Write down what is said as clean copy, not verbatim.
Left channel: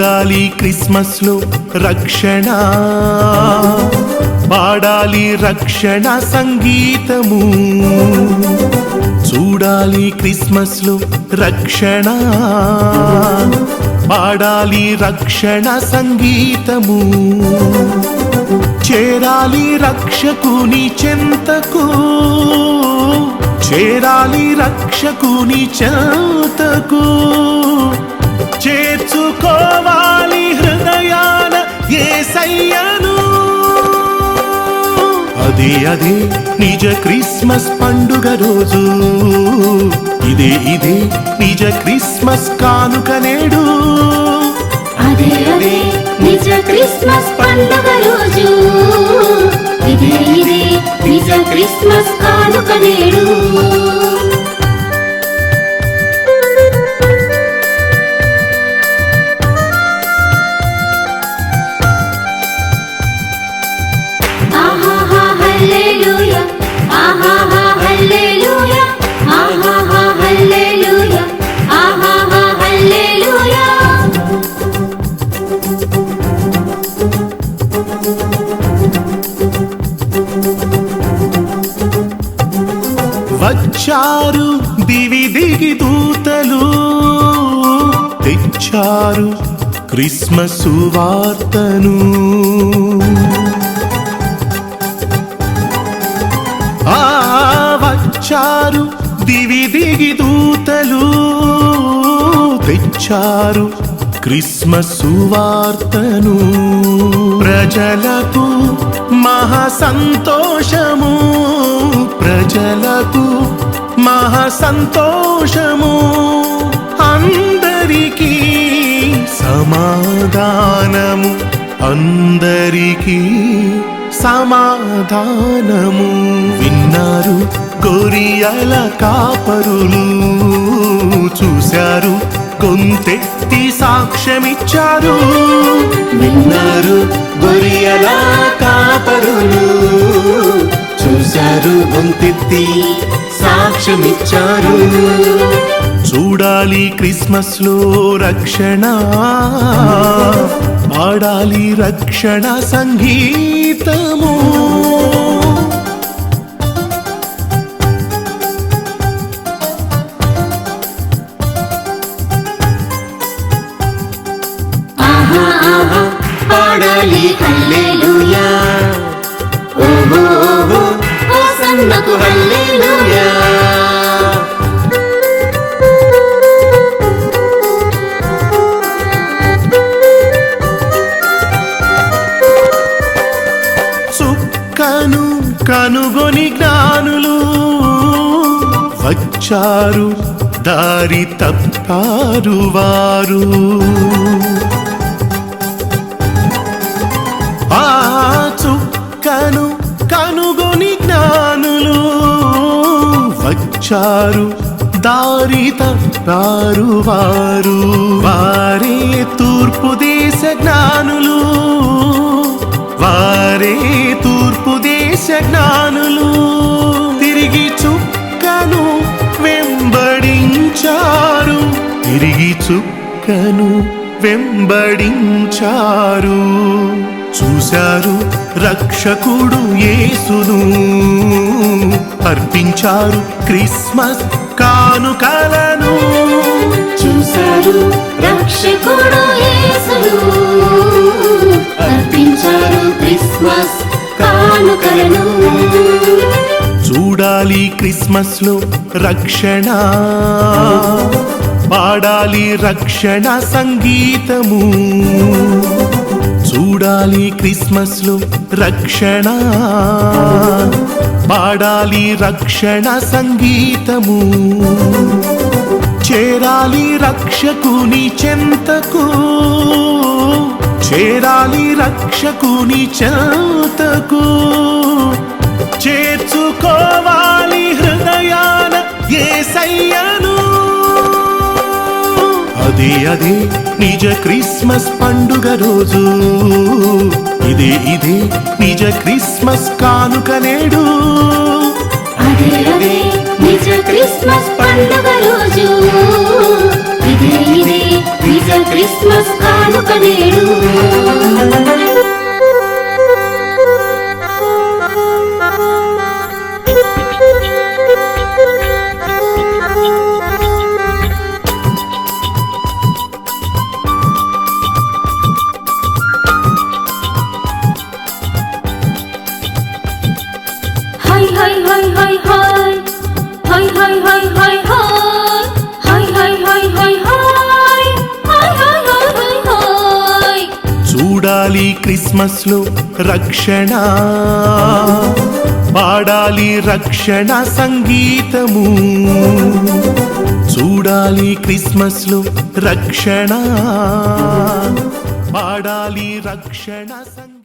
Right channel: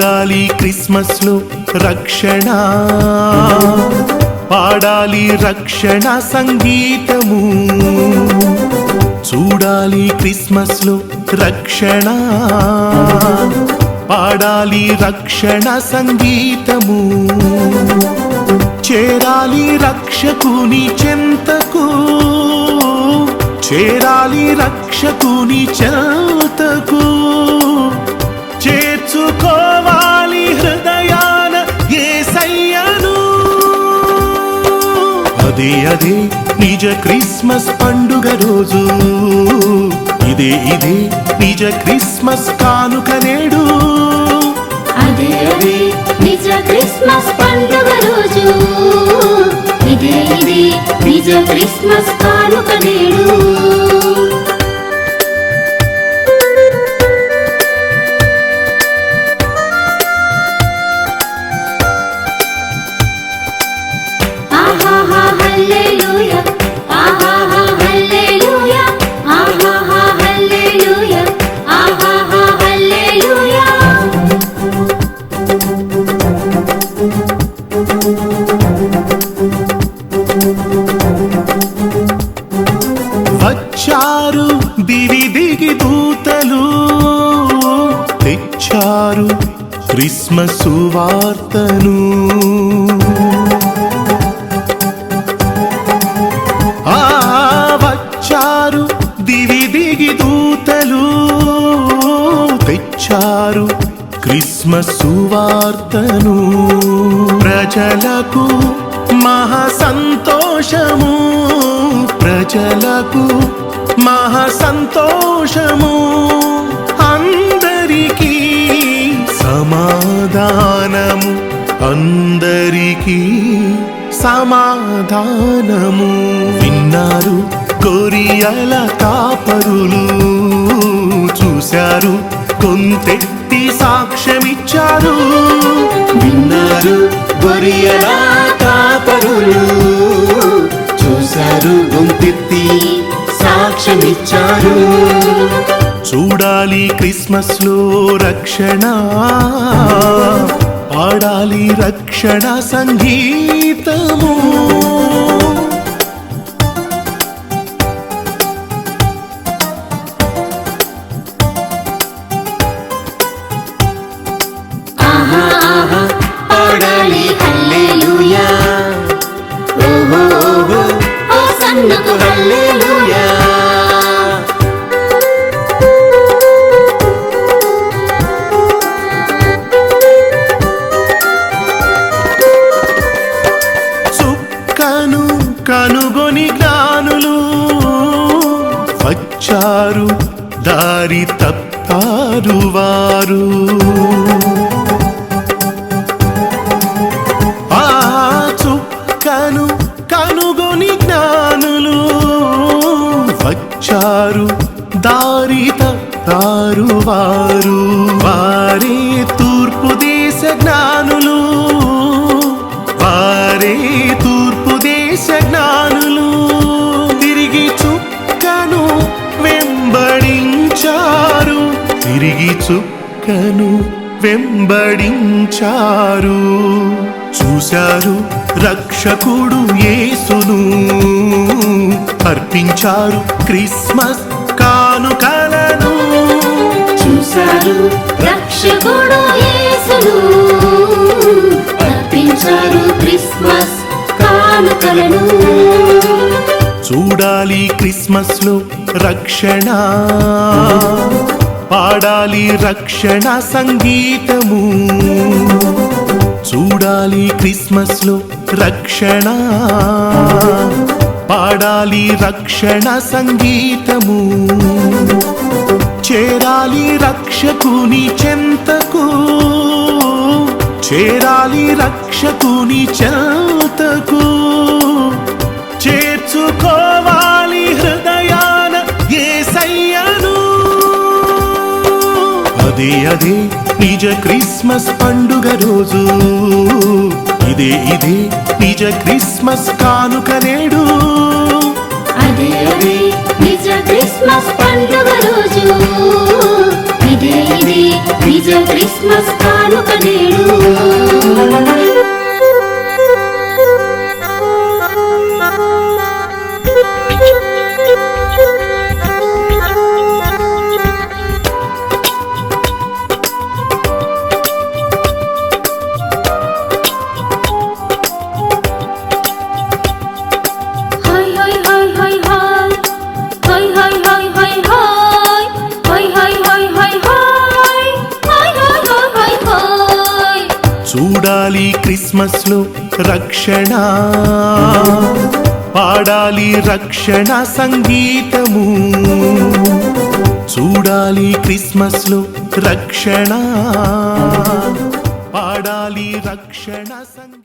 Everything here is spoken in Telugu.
చూడాలి క్రిస్మస్ లో రక్షణ, పాడాలి రక్షణ సంగీతము. చూడాలి క్రిస్మస్ లో రక్షణ, పాడాలి రక్షణ సంగీతము. చేరాలి రక్షకుని చెంతకు, చేరాలి రక్షకుని చెంతకు. చేర్చుకోవాలి హృదయాన యేసయ్యను. అదే అదే నిజ క్రిస్మస్ పండుగ రోజు, ఇదే ఇదే నిజ క్రిస్మస్ కానుక నేడు. అదే అదే నిజ క్రిస్మస్ పండుగ రోజు, ఇదే ఇదే నిజ క్రిస్మస్ కానుక నేడు. Hallelujah, aha hallelujah, aha hallelujah, aha hallelujah. వచ్చారు దివి దిగి దూతలు, తెచ్చారు క్రిస్మస్ వార్తను. వచ్చారు దివి దిగి దూతలు, తెచ్చారు క్రిస్మస్ వార్తను. ప్రజలకు మహా సంతోషము, ప్రజలకు మహా సంతోషము. అందరికీ సమాధానము, అందరికీ సమాధానము. విన్నారు గొరియల కాపరులు, చూశారు గొంతెత్తి సాక్ష్యమిచ్చారు. విన్నారు గొరియల కాపరులు, చూశారు గొంతెత్తి సాక్ష్యమిచ్చారు. చూడాలి క్రిస్మస్ లో రక్షణ, పాడాలి రక్షణ సంగీతము. ఆహా ఆహా పాడాలి హల్లెలూయా, ఓహో ఓహో హోసన్నకు హల్లెలూయా. కనుగొని జ్ఞానులు వచ్చారు, దారి తప్పారు వారు. ఆ చుక్కను కనుగొని జ్ఞానులు వచ్చారు, దారి తప్పారు వారు. వారే తూర్పు దేశ జ్ఞానులు, వారే తూర్పు దేశ జ్ఞానులు. తిరిగి చుక్కను వెంబడించారు, తిరిగి చుక్కను వెంబడించారు. చూశారు రక్షకుడు యేసును, అర్పించారు క్రిస్మస్ కానుకలను. చూశారు రక్షకుడు యేసును, అర్పించారు క్రిస్మస్ కానుకలను. చూడాలి క్రిస్మస్ లో రక్షణ, పాడాలి రక్షణ సంగీతము. చూడాలి క్రిస్మస్ లో రక్షణ, పాడాలి రక్షణ సంగీతము. చేరాలి రక్షకుని చెంతకు, చేరాలి రక్షకుని చెంతకు. చేర్చుకోవాలి హృదయాన యేసయ్యను. అదే అదే నిజ క్రిస్మస్ పండుగ రోజు, ఇదే ఇదే నిజ క్రిస్మస్ కానుక నేడు. అదే అదే నిజ క్రిస్మస్ పండుగ రోజు, ఇదే ఇదే నిజ క్రిస్మస్ కానుక నేడు. చూడాలి క్రిస్మస్ లో రక్షణ, పాడాలి రక్షణ సంగీతము. చూడాలి క్రిస్మస్ లో రక్షణ, పాడాలి రక్షణ సంగీతం.